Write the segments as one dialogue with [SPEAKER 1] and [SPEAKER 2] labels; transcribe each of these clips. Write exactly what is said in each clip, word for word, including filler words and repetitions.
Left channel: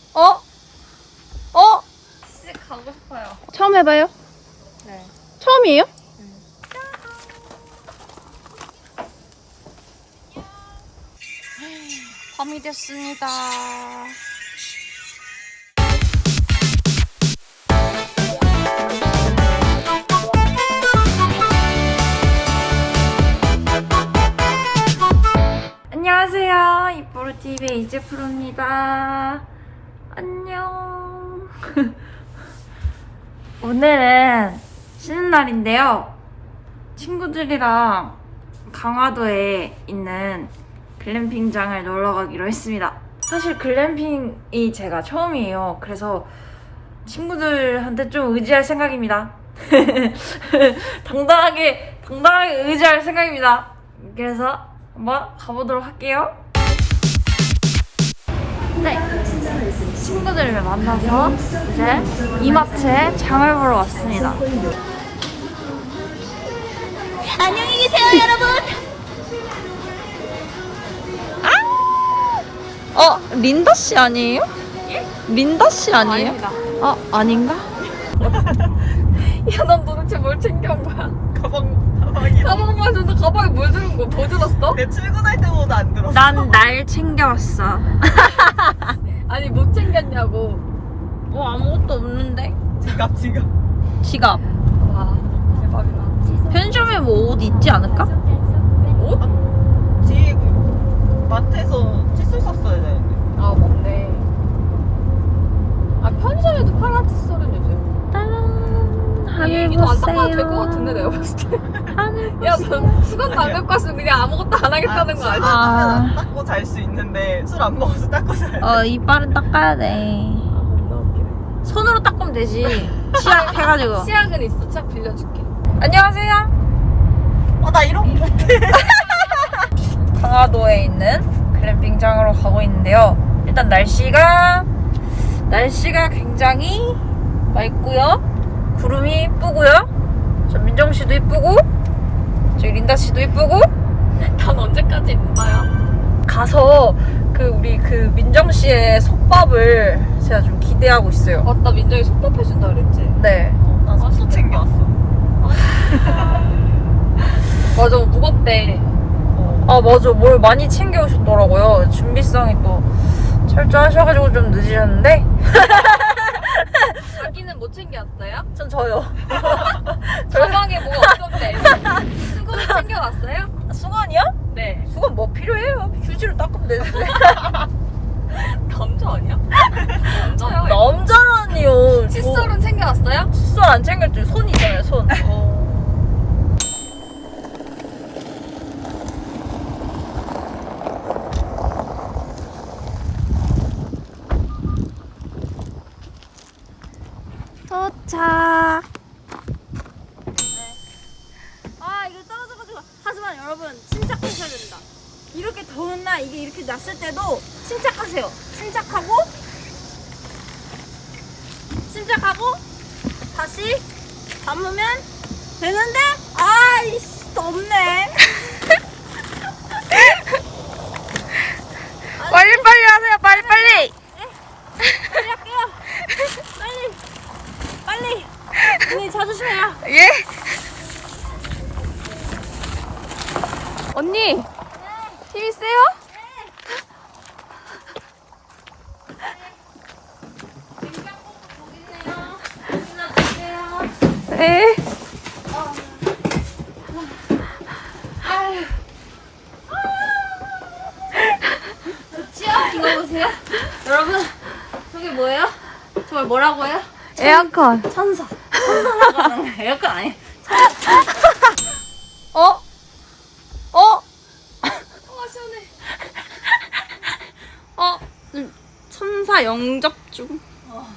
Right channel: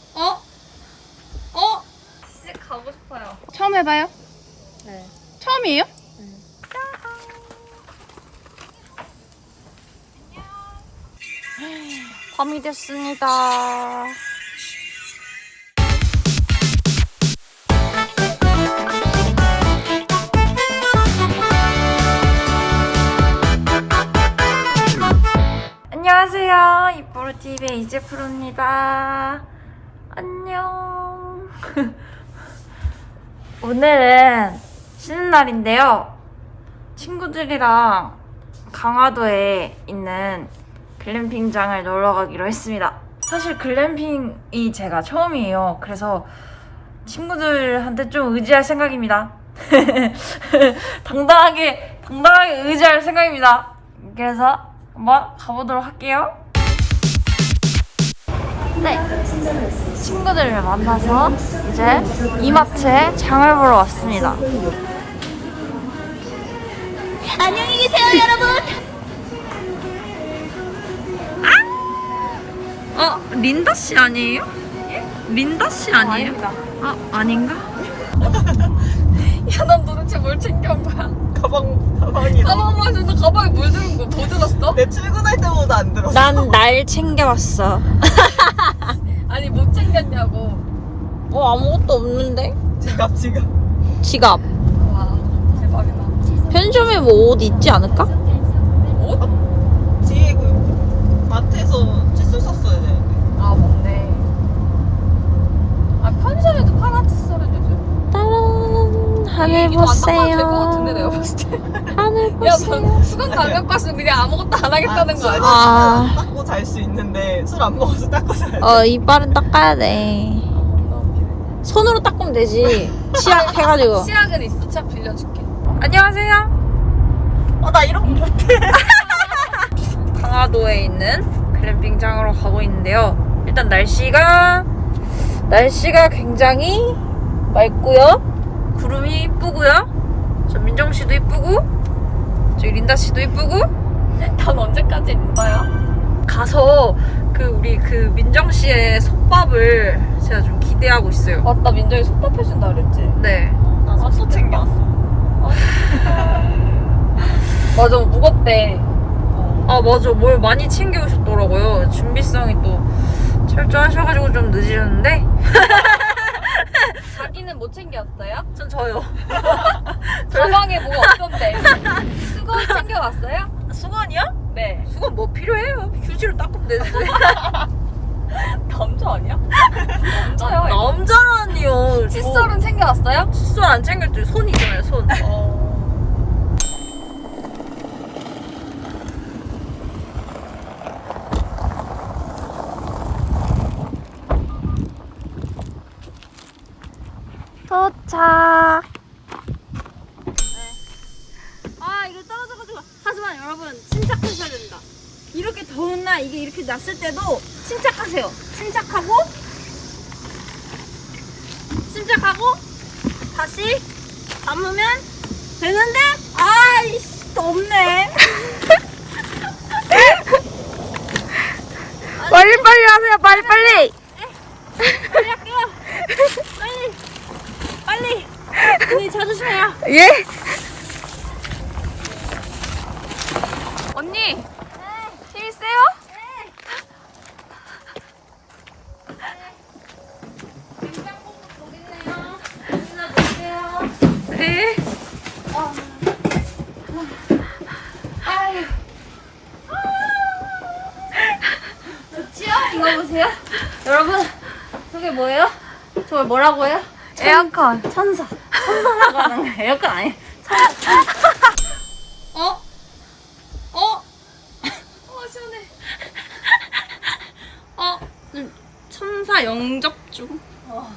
[SPEAKER 1] 어? 어?
[SPEAKER 2] 진짜 가고 싶어요.
[SPEAKER 1] 처음 해봐요?
[SPEAKER 2] 네.
[SPEAKER 1] 처음이에요?
[SPEAKER 2] 응.
[SPEAKER 1] 밤이 됐습니다. 안녕하세요. 이뽀르티비의 이재프로입니다. 안녕. 오늘은 쉬는 날인데요. 친구들이랑 강화도에 있는 글램핑장을 놀러 가기로 했습니다. 사실 글램핑이 제가 처음이에요. 그래서 친구들한테 좀 의지할 생각입니다. 당당하게, 당당하게 의지할 생각입니다. 그래서 한번 가보도록 할게요. 네, 친구들을 만나서 이제 이마트에 장을 보러 왔습니다. 안녕히 계세요, 여러분. 아! 어, 린다 씨 아니에요? 예? 린다 씨 아니에요?
[SPEAKER 2] 어, 아닙니다.
[SPEAKER 1] 아, 아닌가?
[SPEAKER 2] 야, 난 도대체 뭘 챙겨온 거야?
[SPEAKER 3] 가방, 가방이야.
[SPEAKER 2] 가방만 줘서 가방에 뭘 들은 거 더 들었어?
[SPEAKER 3] 내 출근할 때보다 안 들었어.
[SPEAKER 1] 난 날 챙겨왔어.
[SPEAKER 2] 아니, 못 챙겼냐고.
[SPEAKER 1] 어, 아무것도 없는데?
[SPEAKER 3] 지갑, 지갑.
[SPEAKER 1] 지갑.
[SPEAKER 2] 와, 대박이다.
[SPEAKER 1] 편의점에 뭐 옷 있지 않을까?
[SPEAKER 2] 옷?
[SPEAKER 3] 뒤에 그 마트에서 칫솔 샀어야 돼.
[SPEAKER 2] 아, 맞네. 아, 편의점에도 파는 칫솔은 요즘.
[SPEAKER 1] 따란, 하늘
[SPEAKER 2] 이거 안 닦아도 될 것
[SPEAKER 1] 보세요.
[SPEAKER 2] 같은데, 내가 봤을 때.
[SPEAKER 1] 하늘
[SPEAKER 2] 야,
[SPEAKER 1] 보세요.
[SPEAKER 2] 너 수건도 안 갖고 왔으면 그냥 아무것도 안 하겠다는 거 아니야?
[SPEAKER 1] 아.
[SPEAKER 3] 술 닦고 잘 수 있는데 술 안 먹어서 닦고 자야 돼.
[SPEAKER 1] 어, 이빨은 닦아야 돼. 손으로 닦으면 되지. 치약 해가지고.
[SPEAKER 2] 치약은 있어. 치약 빌려줄게.
[SPEAKER 1] 안녕하세요.
[SPEAKER 3] 아, 나 이런 거 못해.
[SPEAKER 1] 강화도에 있는 글램핑장으로 가고 있는데요. 일단 날씨가 날씨가 굉장히 맑고요. 구름이 이쁘고요. 저 민정 씨도 이쁘고, 저기 린다 씨도 이쁘고.
[SPEAKER 2] 난 언제까지 있는 거야?
[SPEAKER 1] 가서 그 우리 그 민정 씨의 솥밥을 제가 좀 기대하고 있어요.
[SPEAKER 2] 맞다, 민정이 솥밥 해준다 그랬지?
[SPEAKER 1] 네.
[SPEAKER 3] 나 소스 챙겨왔어.
[SPEAKER 2] 맞아, 무겁대.
[SPEAKER 1] 아 맞아, 뭘 많이 챙겨오셨더라고요. 준비성이 또 철저하셔가지고 좀 늦으셨는데.
[SPEAKER 2] 자기는 못 챙겨왔어요?
[SPEAKER 1] 전 저요.
[SPEAKER 2] 가방에 뭐가 없던데. 수건 챙겨왔어요?
[SPEAKER 1] 수건이요?
[SPEAKER 2] 네.
[SPEAKER 1] 수건 뭐 필요해요? 휴지로 닦으면 되지.
[SPEAKER 2] 남자 아니야? 남자요?
[SPEAKER 1] 남자라니요.
[SPEAKER 2] 칫솔은 챙겨왔어요?
[SPEAKER 1] 칫솔 안 챙겼죠. 손이잖아요, 손.
[SPEAKER 2] 어.
[SPEAKER 1] 도착. 아, 이거 떨어져가지고. 하지만 여러분, 침착하셔야 된다. 이렇게 더운 날, 이게 이렇게 났을 때도 침착하세요. 침착하고, 침착하고, 다시 담으면 되는데, 아이씨, 덥네. 빨리빨리 하세요, 빨리빨리. 빨리 할게요. 빨리. 빨리. 언니 찾으세요. 예?
[SPEAKER 2] 언니! 힘 있어요?
[SPEAKER 1] 네.
[SPEAKER 2] 좋지요? 불러보세요.
[SPEAKER 1] 여러분, 저게 뭐예요? 저걸 뭐라고 해요?
[SPEAKER 2] 에어컨.
[SPEAKER 1] 천사. 천사라고 하는 거예요. 에어컨 아니에요. 천사. 어? 어?
[SPEAKER 2] 어, 시원해.
[SPEAKER 1] 어? 좀 천사 영접 중?
[SPEAKER 2] 어.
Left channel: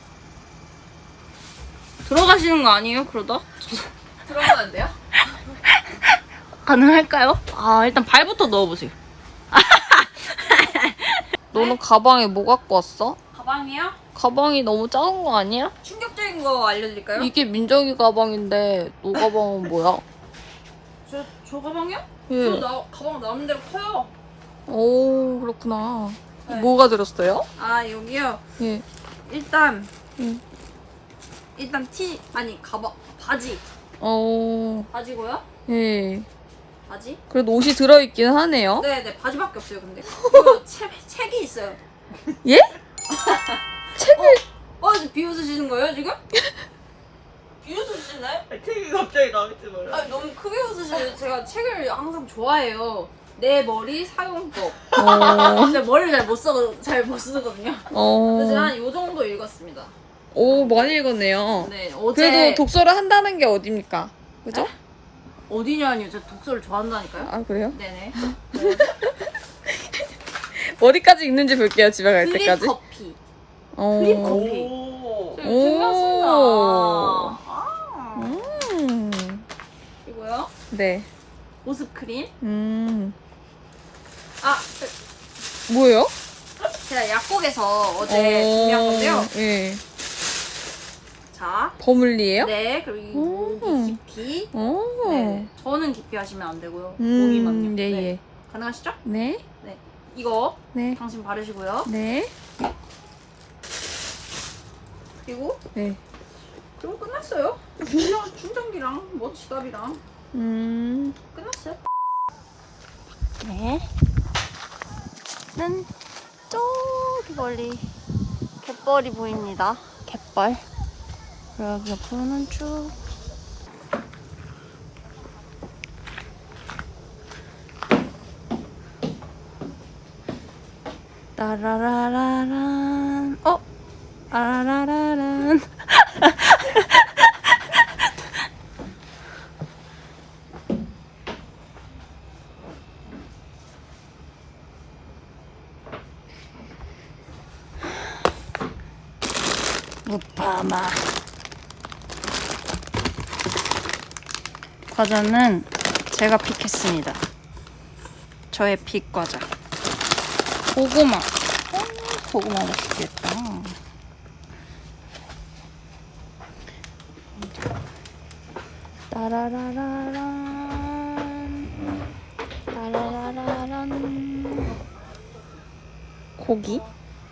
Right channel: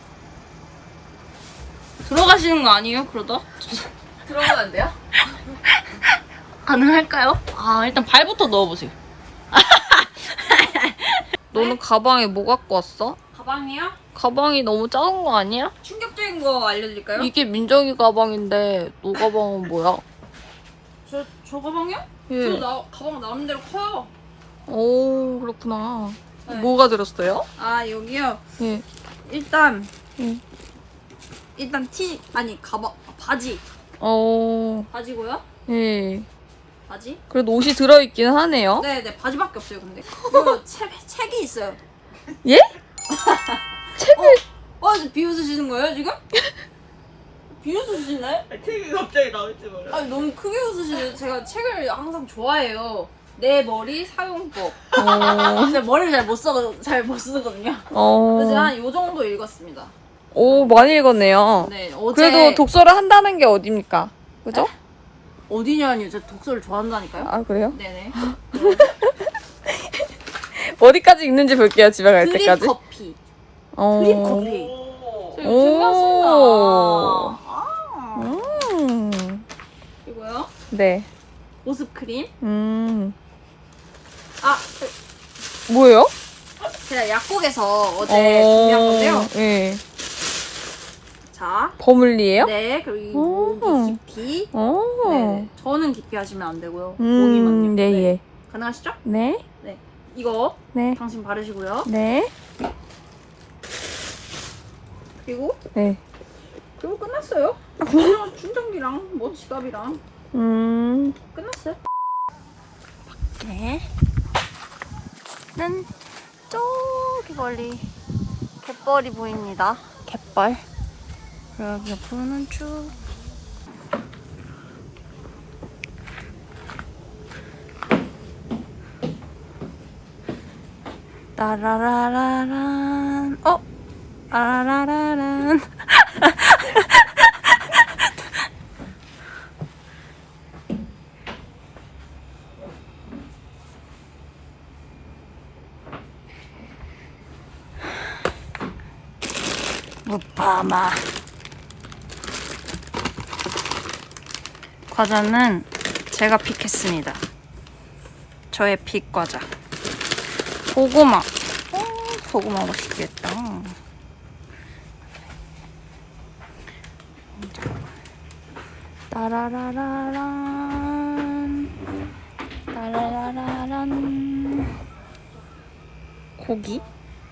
[SPEAKER 1] 들어가시는 거 아니에요, 그러다?
[SPEAKER 2] 들어가면 안 돼요?
[SPEAKER 1] 가능할까요? 아, 일단 발부터 넣어보세요. 너는 가방에 뭐 갖고 왔어?
[SPEAKER 2] 가방이요?
[SPEAKER 1] 가방이 너무 작은 거 아니야?
[SPEAKER 2] 충격적인 거 알려드릴까요?
[SPEAKER 1] 이게 민정이 가방인데 너 가방은 뭐야?
[SPEAKER 2] 저, 저 가방이요?
[SPEAKER 1] 예.
[SPEAKER 2] 저 나, 가방 나오는 대로 커요.
[SPEAKER 1] 오, 그렇구나. 뭐가 들었어요?
[SPEAKER 2] 아 여기요.
[SPEAKER 1] 예.
[SPEAKER 2] 일단
[SPEAKER 1] 예.
[SPEAKER 2] 일단 티 아니 가방 바지
[SPEAKER 1] 어.
[SPEAKER 2] 바지고요.
[SPEAKER 1] 예.
[SPEAKER 2] 바지?
[SPEAKER 1] 그래도 옷이 들어있긴 하네요.
[SPEAKER 2] 네네 바지밖에 없어요. 근데 그리고 책 책이 있어요.
[SPEAKER 1] 예? 책을.
[SPEAKER 2] 어 이제 비웃으시는 거예요 지금? 비웃으시네?
[SPEAKER 3] 아니, 책이 갑자기 나올지 몰라.
[SPEAKER 2] 아니 너무 크게 웃으시네. 제가 책을 항상 좋아해요. 내 머리 사용법.
[SPEAKER 1] 어.
[SPEAKER 2] 제가 머리를 잘 못 써, 잘 못 쓰거든요.
[SPEAKER 1] 어.
[SPEAKER 2] 그래서 제가 한 요 정도 읽었습니다.
[SPEAKER 1] 오, 많이 읽었네요.
[SPEAKER 2] 네, 어제
[SPEAKER 1] 그래도 독서를 한다는 게 어딥니까? 그죠?
[SPEAKER 2] 어디냐니요? 제가 독서를 좋아한다니까요.
[SPEAKER 1] 아, 그래요?
[SPEAKER 2] 네네.
[SPEAKER 1] 어디까지 읽는지 볼게요, 집에 갈
[SPEAKER 2] 드립
[SPEAKER 1] 때까지.
[SPEAKER 2] 커피.
[SPEAKER 1] 어.
[SPEAKER 2] 드립 커피.
[SPEAKER 3] 오.
[SPEAKER 2] 저 이거 준비했습니다.
[SPEAKER 1] 오.
[SPEAKER 2] 아.
[SPEAKER 1] 음.
[SPEAKER 2] 이거요?
[SPEAKER 1] 네.
[SPEAKER 2] 보습 크림.
[SPEAKER 1] 음.
[SPEAKER 2] 아,
[SPEAKER 1] 뭐예요?
[SPEAKER 2] 제가 약국에서 어제 준비한 건데요.
[SPEAKER 1] 예.
[SPEAKER 2] 자.
[SPEAKER 1] 버물리예요?
[SPEAKER 2] 네, 그리고
[SPEAKER 1] 오.
[SPEAKER 2] 이 깊이.
[SPEAKER 1] 오.
[SPEAKER 2] 네. 저는 깊이 하시면 안 되고요.
[SPEAKER 1] 음,
[SPEAKER 2] 목이만요.
[SPEAKER 1] 네, 예.
[SPEAKER 2] 가능하시죠?
[SPEAKER 1] 네.
[SPEAKER 2] 이거
[SPEAKER 1] 네.
[SPEAKER 2] 당신 바르시고요.
[SPEAKER 1] 네.
[SPEAKER 2] 그리고
[SPEAKER 1] 네.
[SPEAKER 2] 그리고 끝났어요. 충전, 충전기랑 뭐 지갑이랑
[SPEAKER 1] 음.
[SPEAKER 2] 끝났어요.
[SPEAKER 1] 네. 는 저기 멀리 갯벌이 보입니다. 갯벌. 여기 옆으로는 쭉. 라라라라란. 어? 라라라란. 무파마. 과자는 제가 픽했습니다. 저의 픽 과자. 고구마. 어, 고구마 맛있겠다. 따라라라란. 따라라라란. 고기?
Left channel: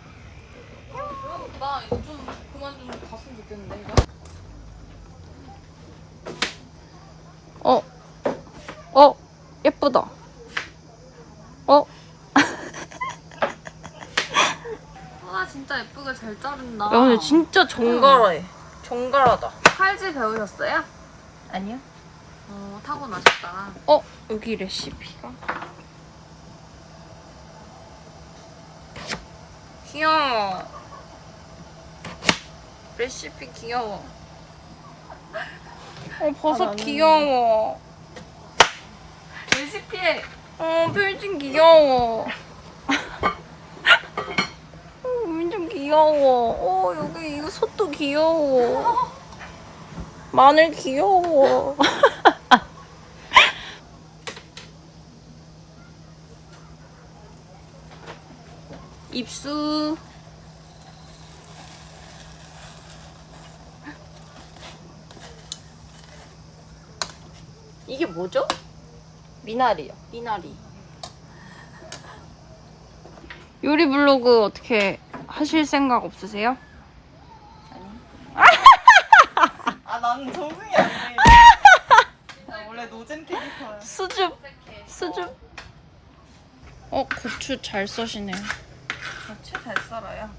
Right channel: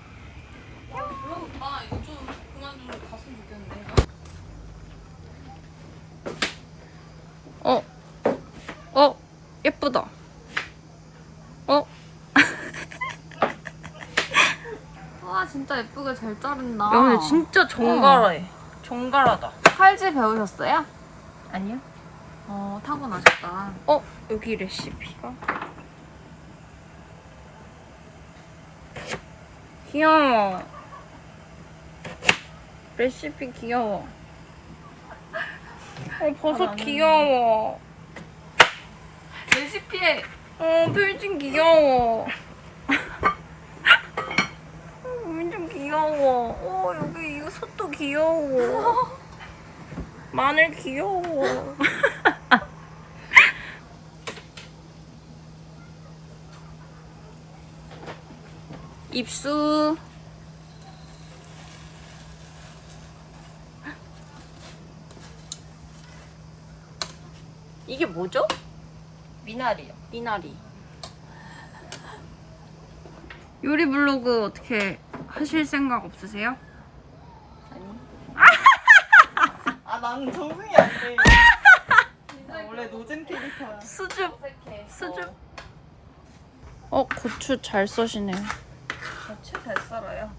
[SPEAKER 2] 나 이거 좀 그만 좀 갔으면 좋겠는데 이거.
[SPEAKER 1] 어, 어, 예쁘다. 어,
[SPEAKER 2] 아 진짜 예쁘게 잘 자른다.
[SPEAKER 1] 야, 근데 진짜 정갈해. 정갈하다.
[SPEAKER 2] 팔찌 배우셨어요?
[SPEAKER 1] 아니요?
[SPEAKER 2] 어 타고나셨다.
[SPEAKER 1] 어, 여기 레시피가. 귀여워. 레시피 귀여워. 어, 버섯 귀여워.
[SPEAKER 2] 레시피에
[SPEAKER 1] 어, 필진 귀여워. 어, 완전 귀여워. 어, 여기 이거 솥도 귀여워. 마늘 귀여워. 입수. 이게 뭐죠?
[SPEAKER 3] 미나리요.
[SPEAKER 1] 미나리. 요리 블로그 어떻게 하실 생각 없으세요?
[SPEAKER 3] 아, 나는 적응이 안 돼. 나 원래 노잼 캐릭터야.
[SPEAKER 1] 수줍. 수줍. 어, 고추 잘 써시네요.
[SPEAKER 3] 대체 잘 썰어요.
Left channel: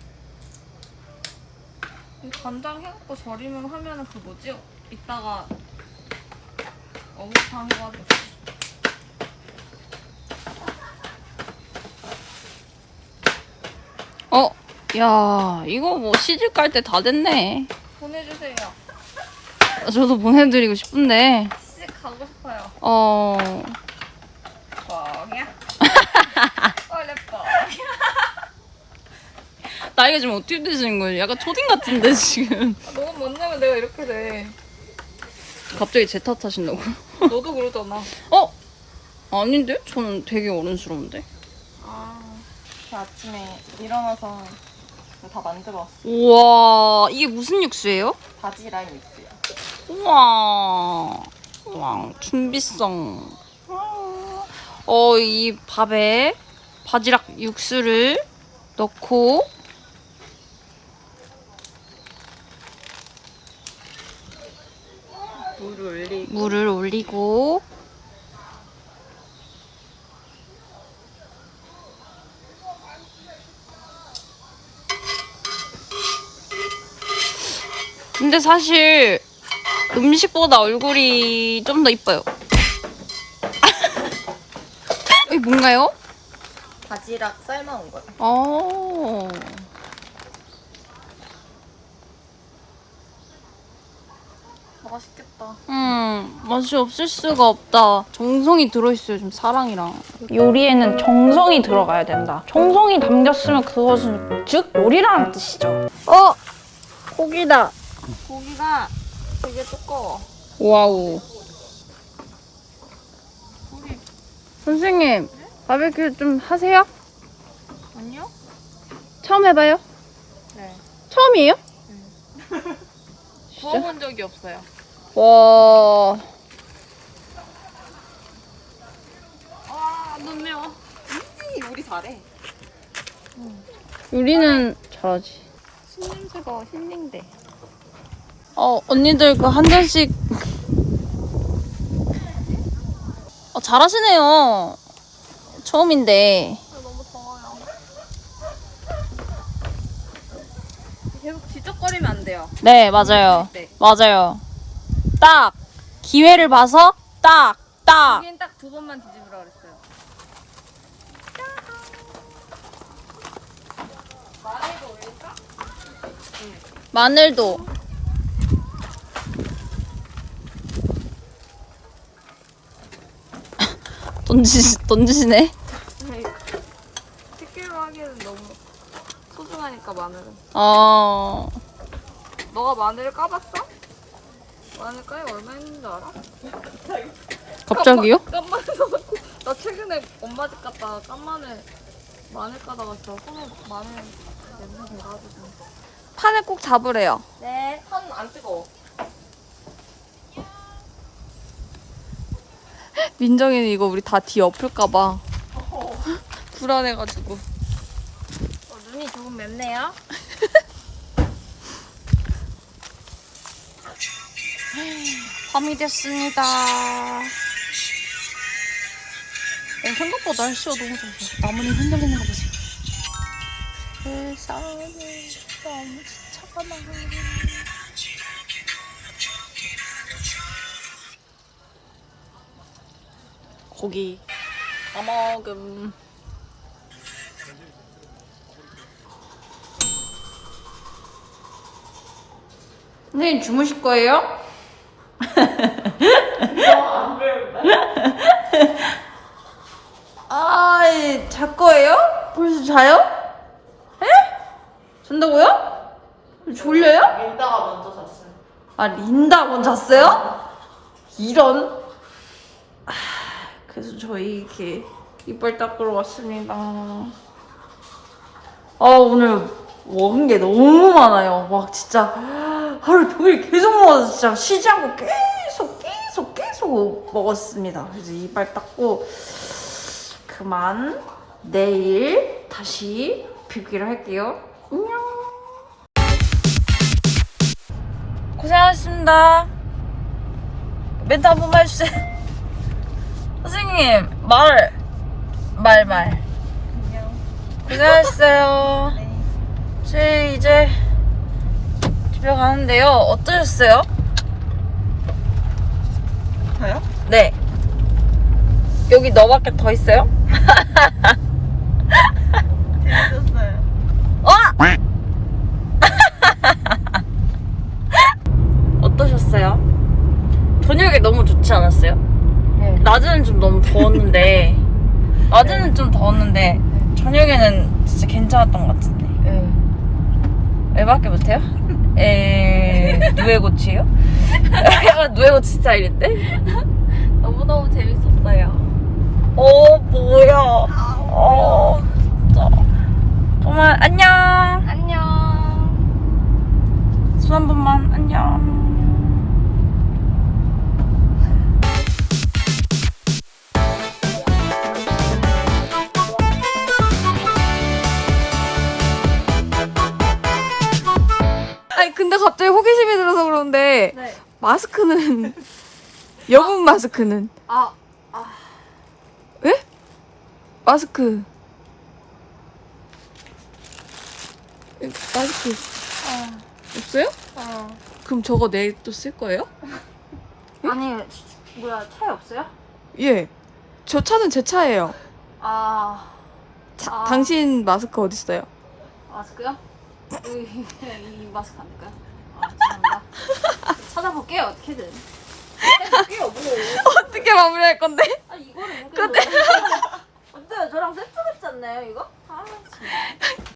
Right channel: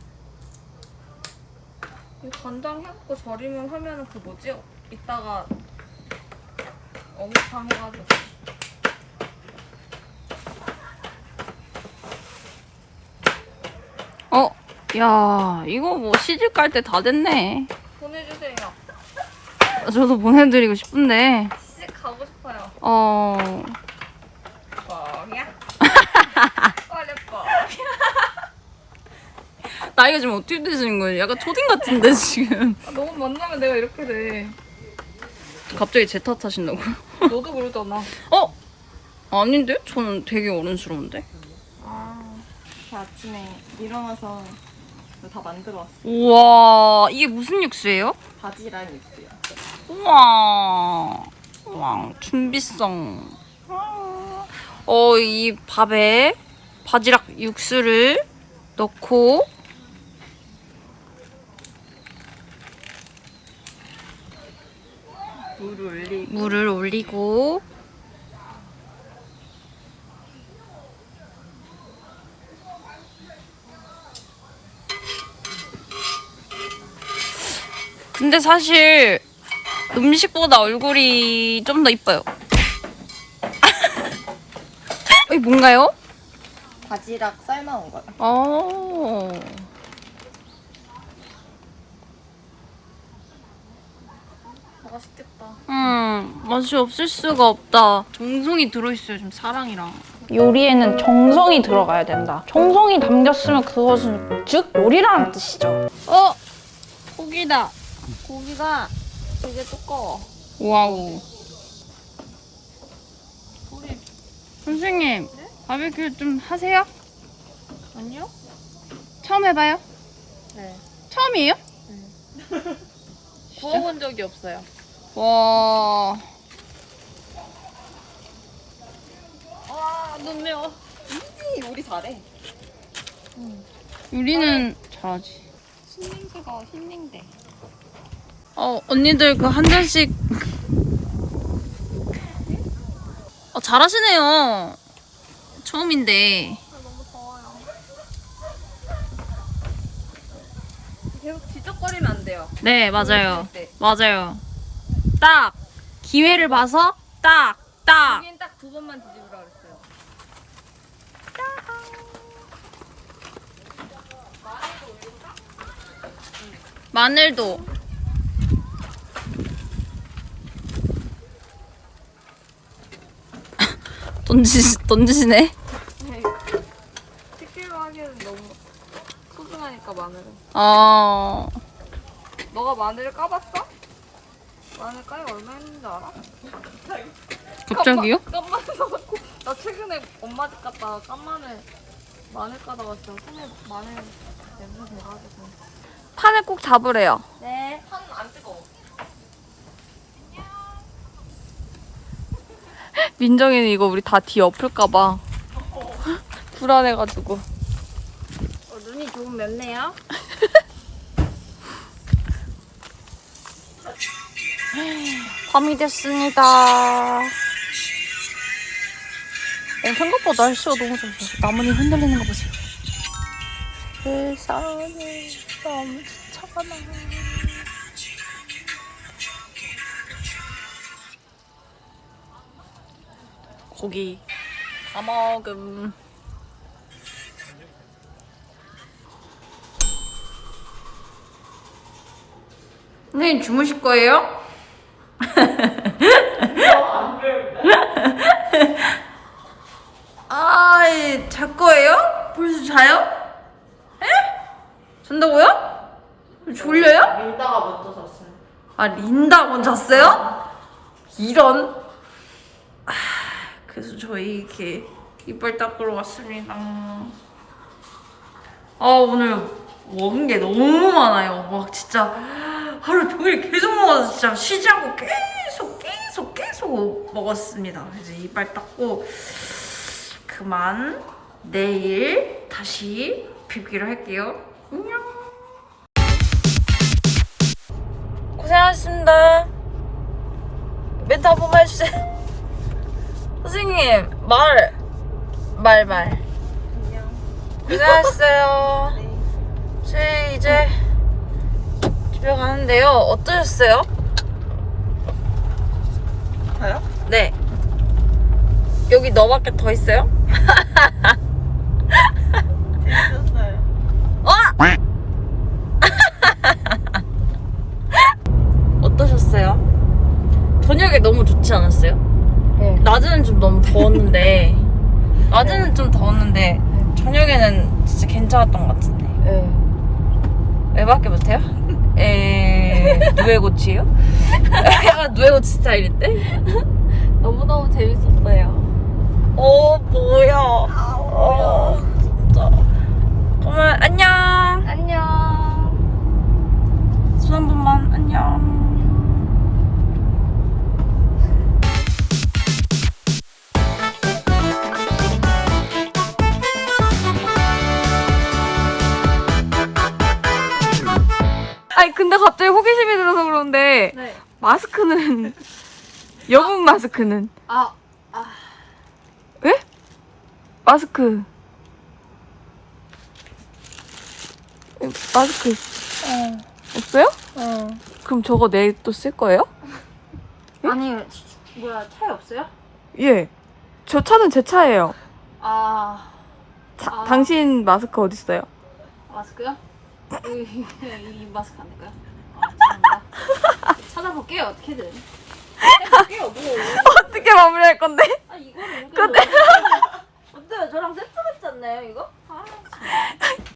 [SPEAKER 1] 이 간장 해갖고 절이면 하면은 그 뭐지? 이따가 어묵탕 해가지고. 어, 야, 이거 뭐 시집 갈 때 다 됐네.
[SPEAKER 3] 보내주세요.
[SPEAKER 1] 저도 보내드리고 싶은데.
[SPEAKER 3] 시집 가고 싶어요.
[SPEAKER 1] 어,
[SPEAKER 3] 뻥이야? 원래 뻥.
[SPEAKER 1] 나이가 지금 어떻게 되시는 거예요? 약간 초딩 같은데 지금.
[SPEAKER 3] 아, 너무 만나면 내가 이렇게 돼.
[SPEAKER 1] 갑자기 제 탓하신다고요?
[SPEAKER 3] 너도 그러잖아.
[SPEAKER 1] 어? 아닌데? 저는 되게 어른스러운데.
[SPEAKER 3] 아, 그 아침에 일어나서 다 만들어 왔어.
[SPEAKER 1] 우와, 이게 무슨 육수예요?
[SPEAKER 3] 바지랑 육수요.
[SPEAKER 1] 우와, 우와, 준비성. 어, 이 밥에 바지락 육수를 넣고
[SPEAKER 3] 물을 올리고
[SPEAKER 1] 물을 올리고 근데 사실 음식보다 얼굴이 좀 더 이뻐요. 이게 뭔가요?
[SPEAKER 3] 바지락 삶아온 거야.
[SPEAKER 1] 어.
[SPEAKER 3] 맛있겠다.
[SPEAKER 1] 음, 맛이 없을 수가 없다. 정성이 들어있어요, 좀 사랑이랑. 요리에는 정성이 들어가야 된다. 정성이 담겼으면 그것은 즉 요리라는 뜻이죠. 어, 고기다.
[SPEAKER 2] 고기가 되게 두꺼워.
[SPEAKER 1] 와우.
[SPEAKER 2] 우리
[SPEAKER 1] 선생님, 바베큐 좀 하세요?
[SPEAKER 2] 아니요?
[SPEAKER 1] 처음 해봐요?
[SPEAKER 2] 네.
[SPEAKER 1] 처음이에요?
[SPEAKER 2] 구워본 적이 없어요.
[SPEAKER 1] 와.
[SPEAKER 2] 아, 눈 매워.
[SPEAKER 3] 우리 잘해.
[SPEAKER 1] 요리는 잘하지.
[SPEAKER 2] 신냄새가 힐링돼.
[SPEAKER 1] 어, 언니들 그 한 잔씩. 어, 잘하시네요. 처음인데.
[SPEAKER 2] 아, 너무 더워요. 계속 뒤적거리면 안 돼요.
[SPEAKER 1] 네, 맞아요.
[SPEAKER 2] 네.
[SPEAKER 1] 맞아요. 딱 기회를 봐서 딱, 딱.
[SPEAKER 2] 여긴 딱 두 번만 뒤집으라 그랬어요.
[SPEAKER 1] 마늘도. 던지 던지시네.
[SPEAKER 2] 치킨을 하기에는 너무 소중하니까 마늘은.
[SPEAKER 1] 어.
[SPEAKER 2] 너가 마늘을 까봤어? 마늘 까야 얼마 했는지 알아?
[SPEAKER 1] 갑자기요?
[SPEAKER 2] 깐마, 깐마늘 넣고 나 최근에 엄마 집 갔다가 깐마늘 마늘 까다 왔어. 손에 막 마늘 냄새 돼가지고.
[SPEAKER 1] 판을 꼭 잡으래요.
[SPEAKER 2] 네.
[SPEAKER 3] 판 안 뜨거워.
[SPEAKER 1] 민정이는 이거 우리 다 뒤 엎을까봐 불안해가지고.
[SPEAKER 2] 어, 눈이 조금 맵네요.
[SPEAKER 1] 밤이 됐습니다. 어, 생각보다 날씨가 너무 좋아요. 나뭇잎 흔들리는 거 보세요. 세상에 너무 지쳐가나. 고기 다 먹음. 선생님 주무실 거예요? 아이, 잘 거예요? 벌써 자요? 예? 잔다고요? 졸려요?
[SPEAKER 3] 민다가 먼저 잤어요.
[SPEAKER 1] 아, 린다 먼저 잤어요? 이런. 아, 그래서 저희 이렇게 이빨 닦으러 왔습니다. 아, 오늘 먹은 게 너무 많아요. 막 진짜 하루 종일 계속 먹어서 진짜 쉬지 않고 계속 계속 계속 먹었습니다. 그래서 이빨 닦고 그만 내일 다시 뵙기로 할게요. 안녕. 고생하셨습니다. 멘트 한 번만 해주세요. 선생님 말 말, 말. 고생하셨어요. 저희 이제 집에 가는데요. 어떠셨어요?
[SPEAKER 3] 저요?
[SPEAKER 1] 네. 여기 너밖에 더 있어요?
[SPEAKER 3] 재밌었어요.
[SPEAKER 1] 어? 어떠셨어요? 저녁에 너무 좋지 않았어요?
[SPEAKER 2] 네.
[SPEAKER 1] 낮에는 좀 너무 더웠는데 낮에는 좀 더웠는데 저녁에는 진짜 괜찮았던 것 같은데.
[SPEAKER 2] 네.
[SPEAKER 1] 왜밖에 못해요? 에 누에고치요? 누에고치 스타일인데?
[SPEAKER 2] 너무너무 재밌었어요.
[SPEAKER 1] 어 뭐야? 어 진짜. 그만 안녕.
[SPEAKER 2] 안녕.
[SPEAKER 1] 손 한 번만 안녕. 아니 근데 갑자기 호기심이 들어서 그러는데
[SPEAKER 2] 네.
[SPEAKER 1] 마스크는 여분 마스크는
[SPEAKER 2] 아,
[SPEAKER 1] 왜? 마스크 에, 마스크
[SPEAKER 2] 어,
[SPEAKER 1] 없어요?
[SPEAKER 2] 어.
[SPEAKER 1] 그럼 저거 내일 또 쓸 거예요?
[SPEAKER 2] 아니, 뭐야, 차에 없어요?
[SPEAKER 1] 예. 저 차는 제 차예요.
[SPEAKER 2] 아,
[SPEAKER 1] 차,
[SPEAKER 2] 아.
[SPEAKER 1] 당신 마스크 어디 있어요?
[SPEAKER 2] 마스크요? 이, 이, 이 마스크 안 될까요? 아, 죄송합니다. 찾아볼게요, 어떻게든. 해볼게요, 뭐.
[SPEAKER 1] 어떻게 마무리할 건데?
[SPEAKER 2] 아, 이거를 이렇게.
[SPEAKER 1] 근데-
[SPEAKER 2] 어때요? 저랑 세트 같지 않나요, 이거? 아, 참.